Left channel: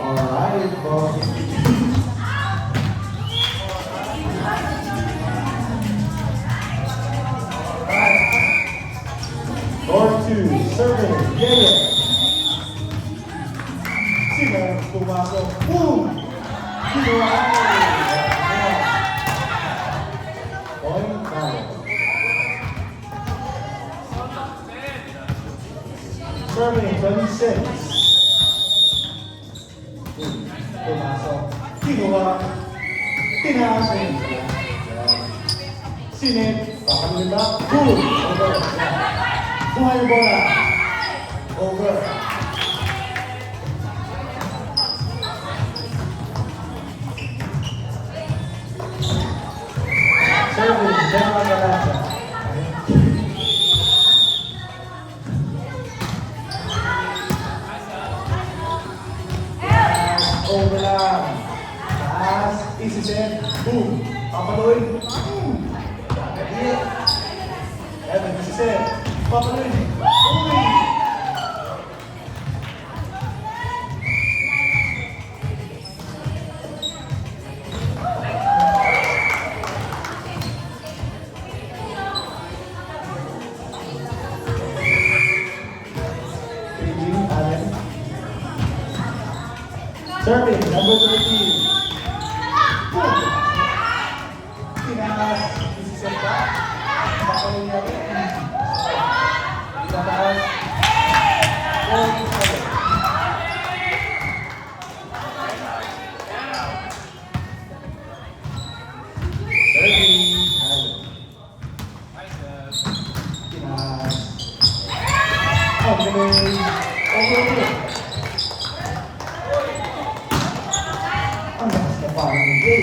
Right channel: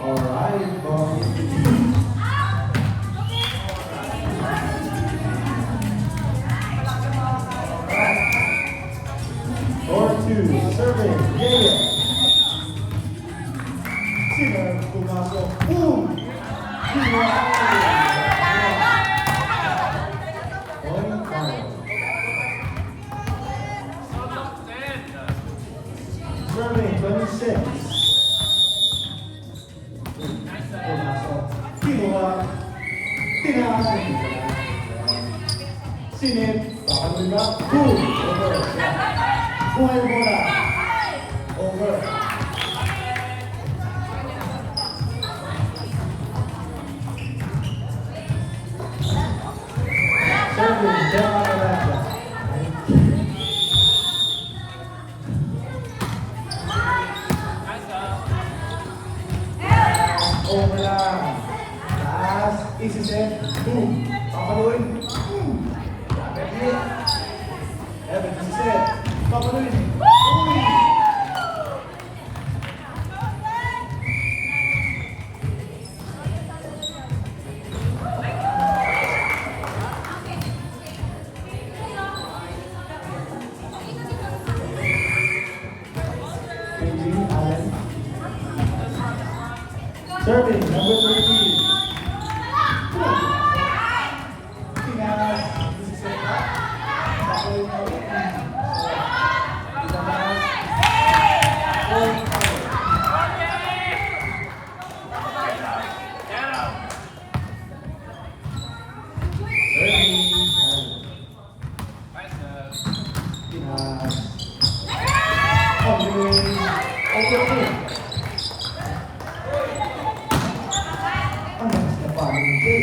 Alright, ball. 4-2, serving, yeah. Sino pumasok? Boom! Sino point foul. Serving, 26. Pumasok. Kinuha. Tinasin. Sinip. Papaluin ba? Boom! Over. Buhay bola. Over. Serving. Bola Talaga. Over lang. Taas. Isiset. Boom. Papaluin. Boom. Evan, isiset. Papaluin. Boom. Allen. Serving, number 13. Tinaas, isiset ka. Papaluin na rin. Itataas. Serving, Allen. Tinaas. Ang galing. Okay. Ang next na paano ng Jay.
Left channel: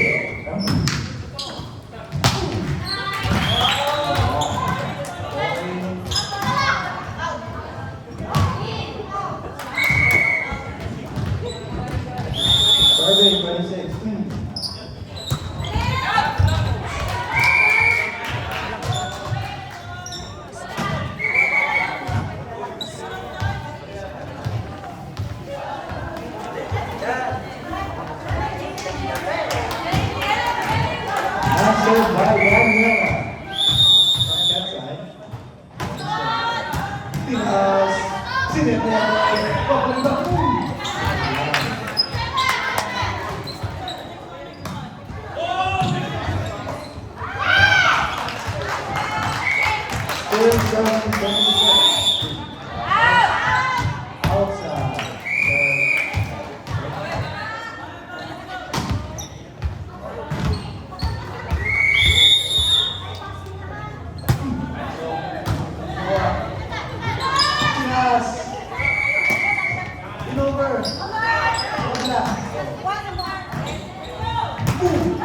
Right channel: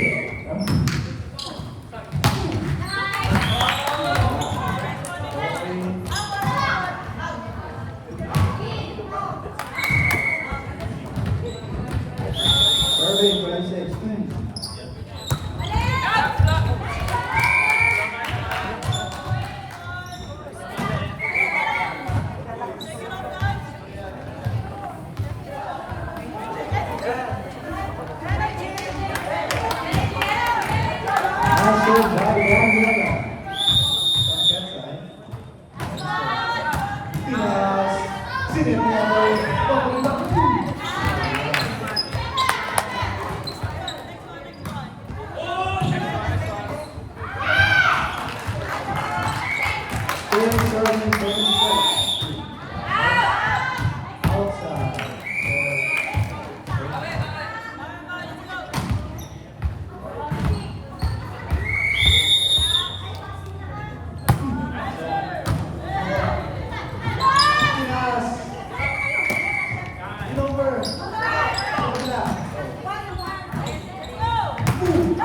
Serving 26. Answered by Daniela. From that side. Tinas. Sinip niya rin. Papaluin ba? Boom! Outside. Tinas. Over. Over. Boom.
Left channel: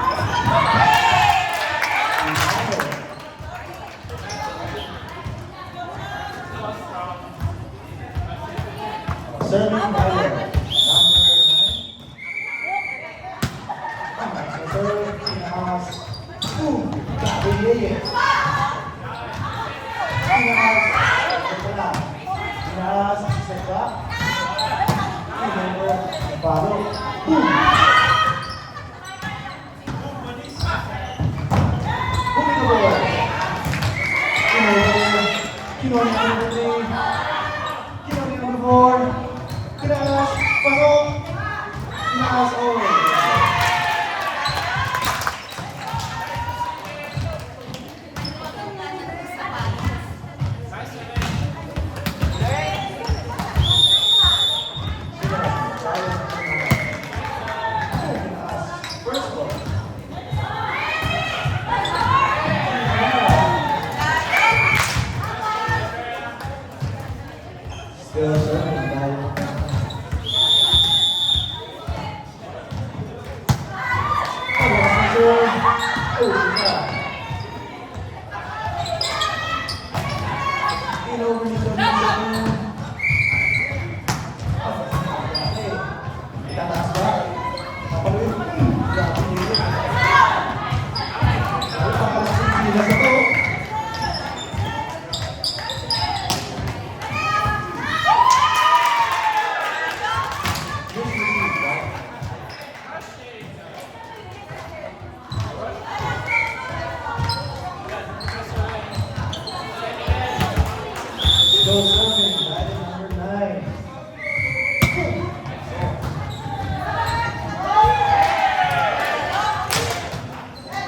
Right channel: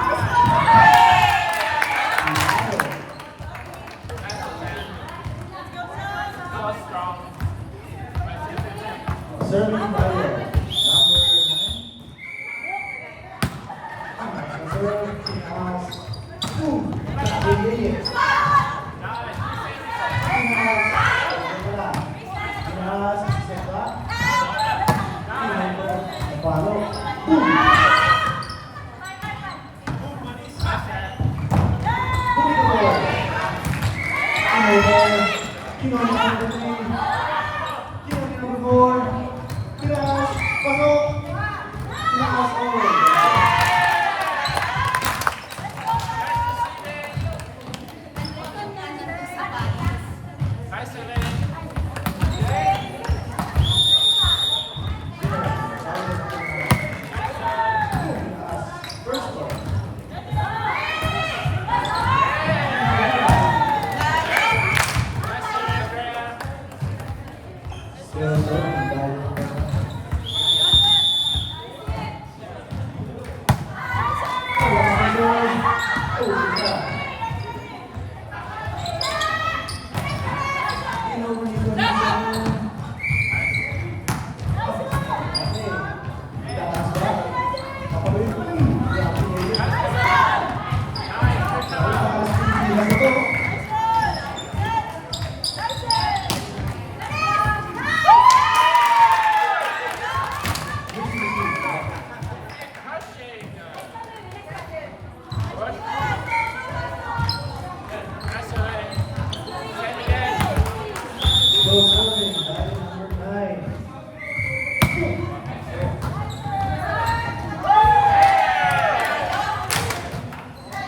Serving Bayer, number 9. Serving Tinaas. Boom. Tabili. Tinaas. Seka. Tinaas. Seka. Palo. Boom. Kinuha number 3. Kinuha number 4. Tinaas. Pasok. Tinaas. Oh. First ball. Still serving by serving, dive number 9.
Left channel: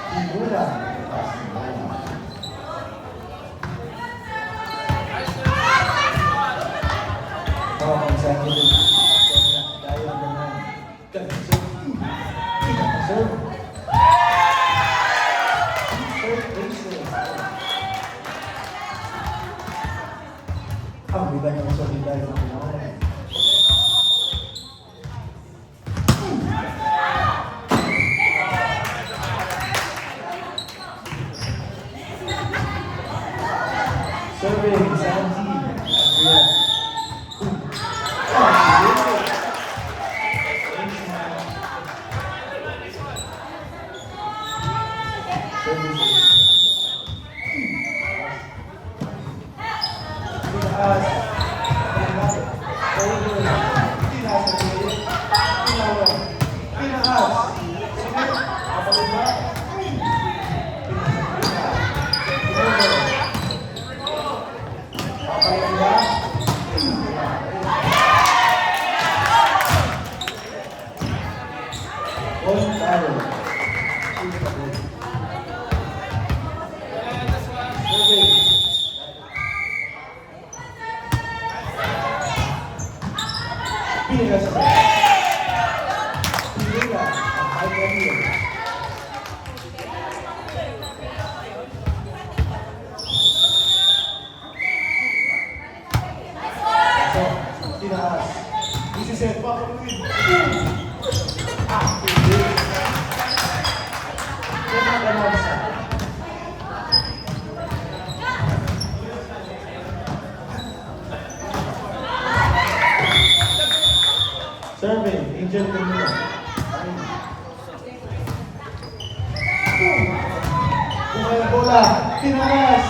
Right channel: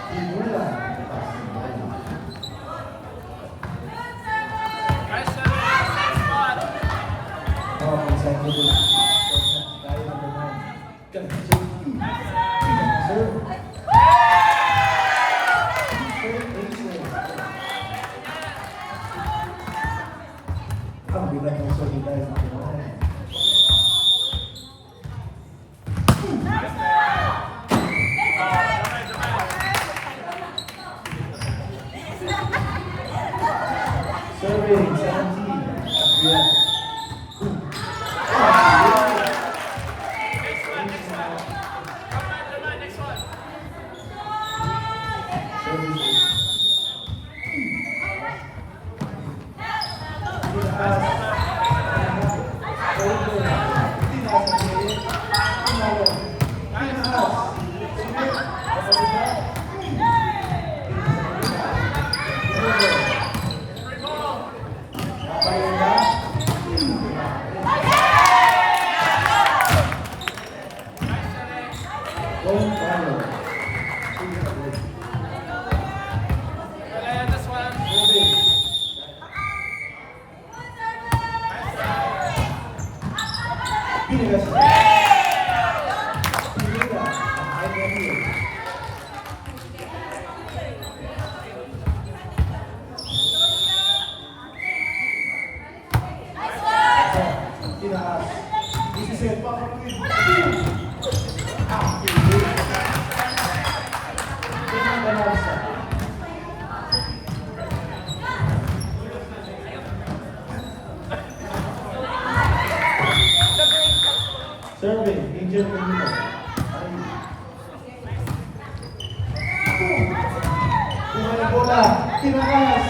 Pinula. Oh, consecutive. Dive number 9. Ganda serve. Ganda serve. Serve, aces. Ang bigat ng solid dive number 9. Serving, Sanji. Yeah. Serving, Angel Camilo. Tingnan ang bola, tinaas.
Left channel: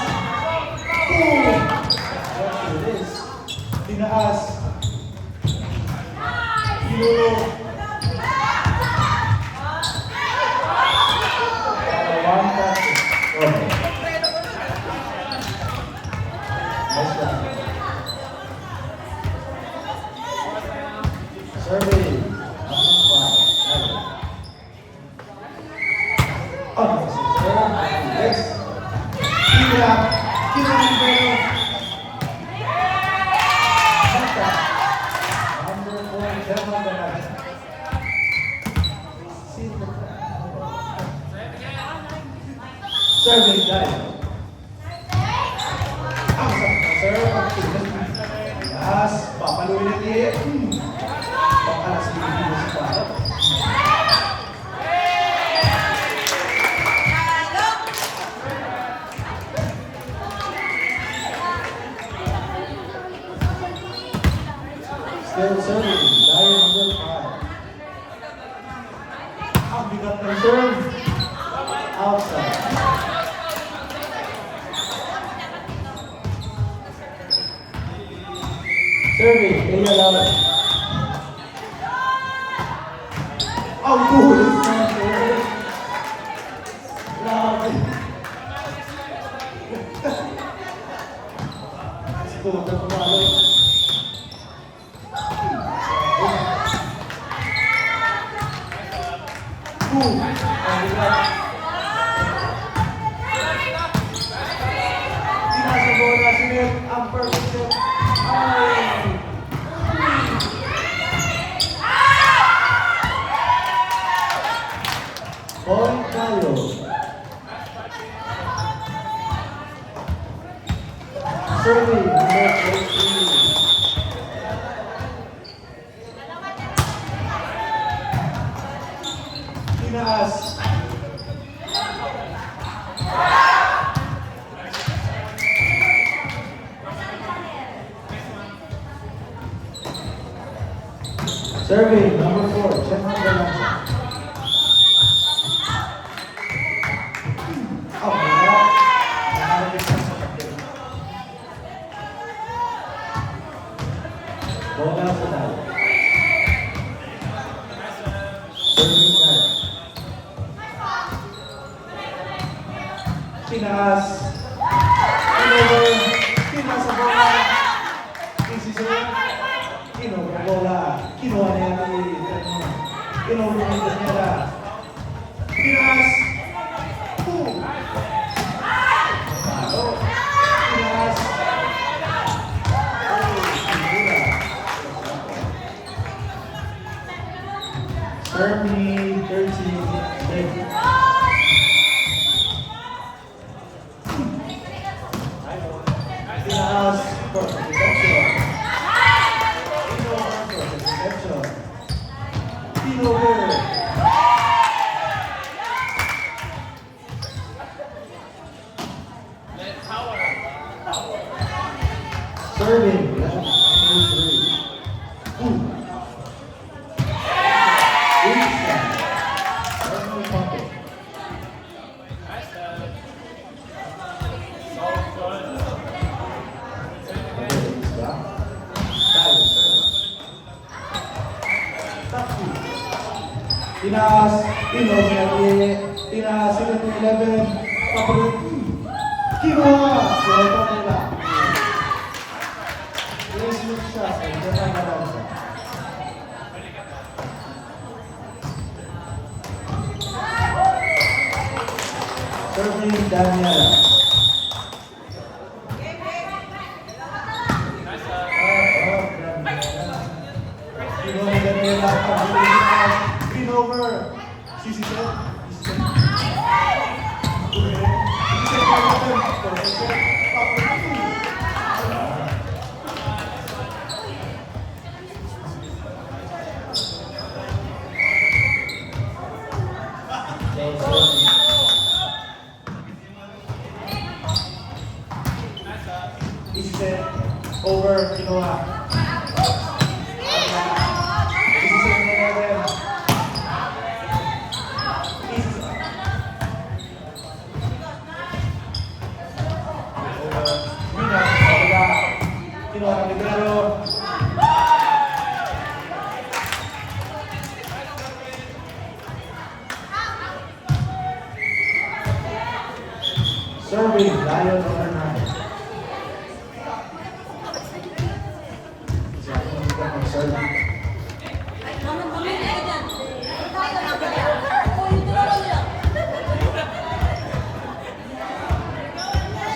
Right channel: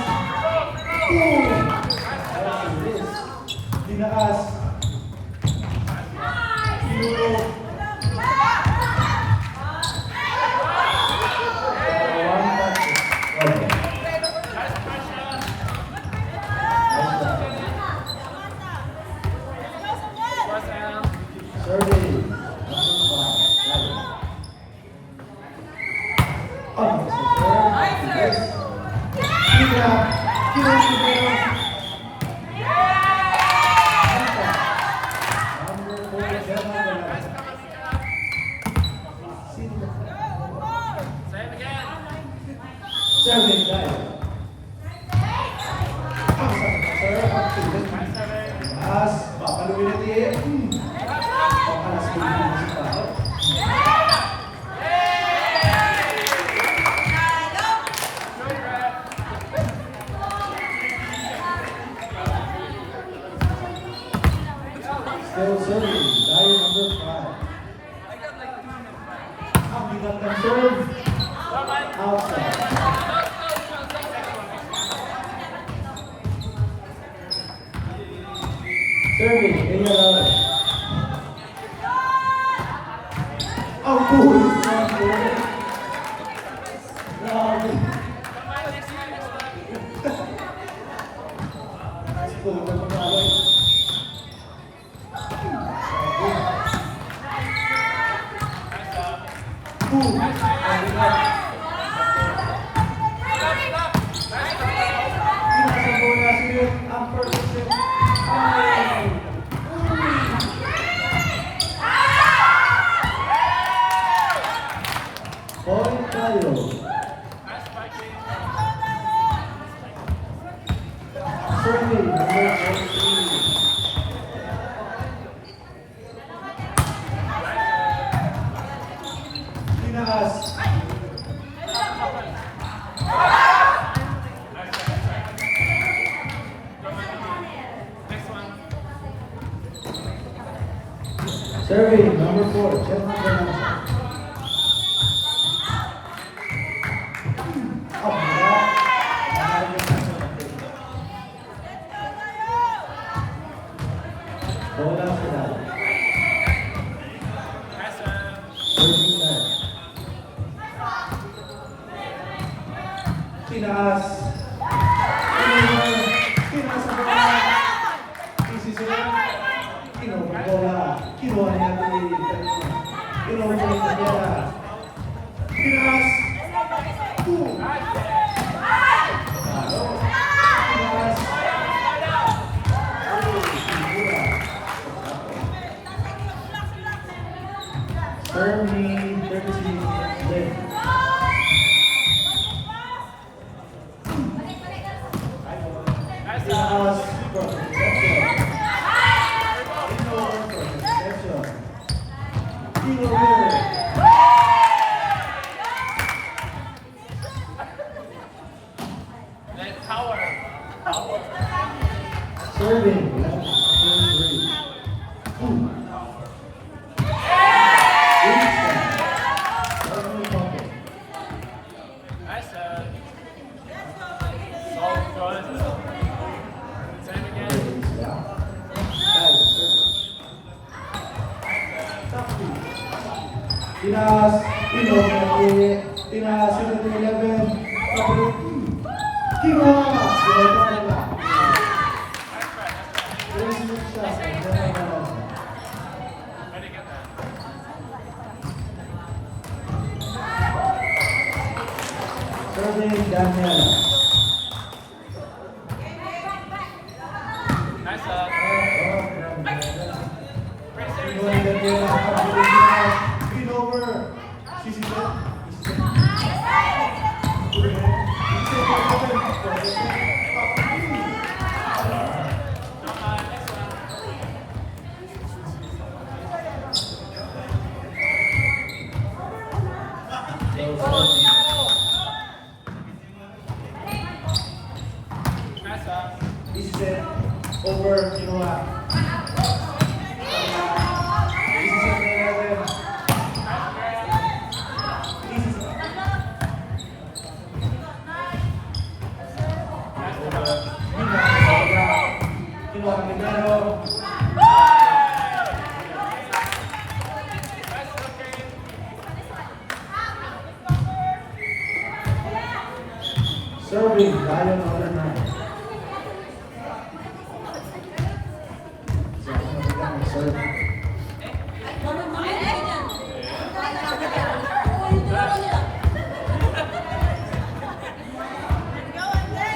Tinaas. Pinuro. One touch. Okay. Nice one. Survey. Yes. Kira. Survey dive. Ang Taas, papaluin ulit. Pag-alas Pilipinas si Paro. Still serving, dive number 5. Ang bigat ng serve. Outside. Serving, Elia Laura. Ang tulis ng serve. Grabe. Siguro ito pumalo. Ang bigat. Nasa bola si Nick, ang perfect set. Paul Carlos. Serving, number 14. Tinaas. Serving, number 4, General Ganasa. Up na. Bola sila. Serving na. Tinaas. Tinaas sa bola. set. Bola. Kinuha niya si Fernando. Kinuha niya si Fernanda. Pinas. Boom. Talo. Pinas. Figura. Serve 30 ready. Pinas. Protection. Over. Serving, left, 3. Ooh. Pinas, Pinas 11, papalit. Kinuha! Buhay pa pala. Yes, look siya. Buhay pa lang siya. Serving Daniela. Kinuha ni Daniela. Over. Sisi set. Easy set. Over. Kinuha. Easy set. Serving, Lion number 9. So, ako magiging mag-serve.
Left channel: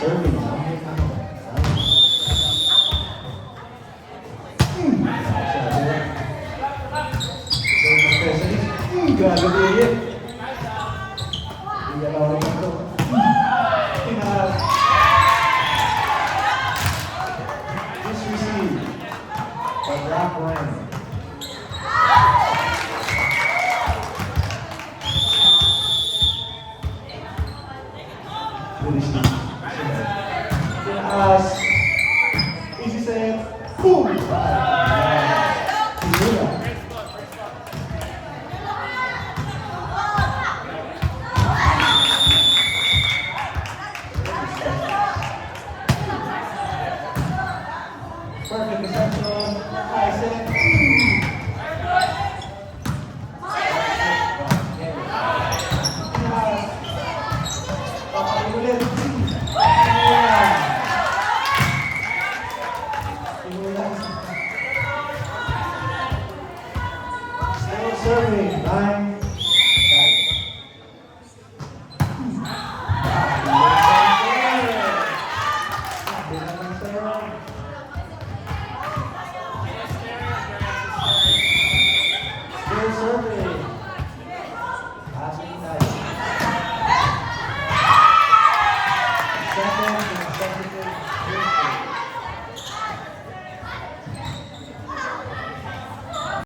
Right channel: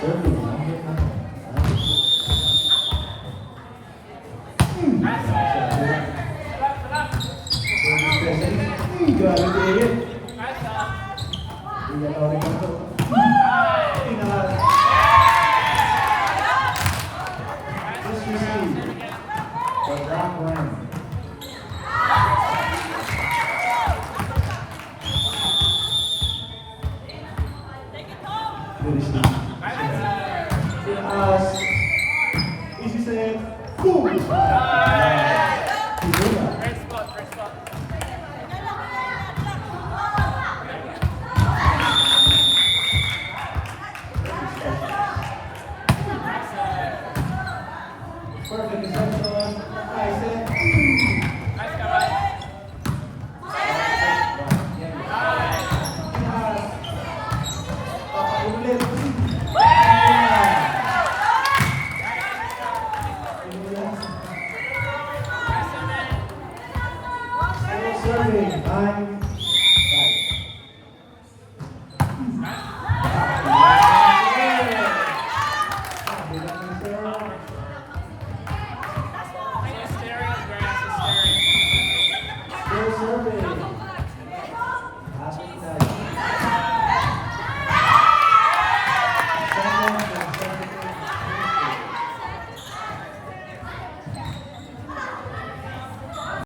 Serving, number 9. Grabe din. Hindi na ako rin ito. Just receive the black ring. Pinas. Easy set. Boom!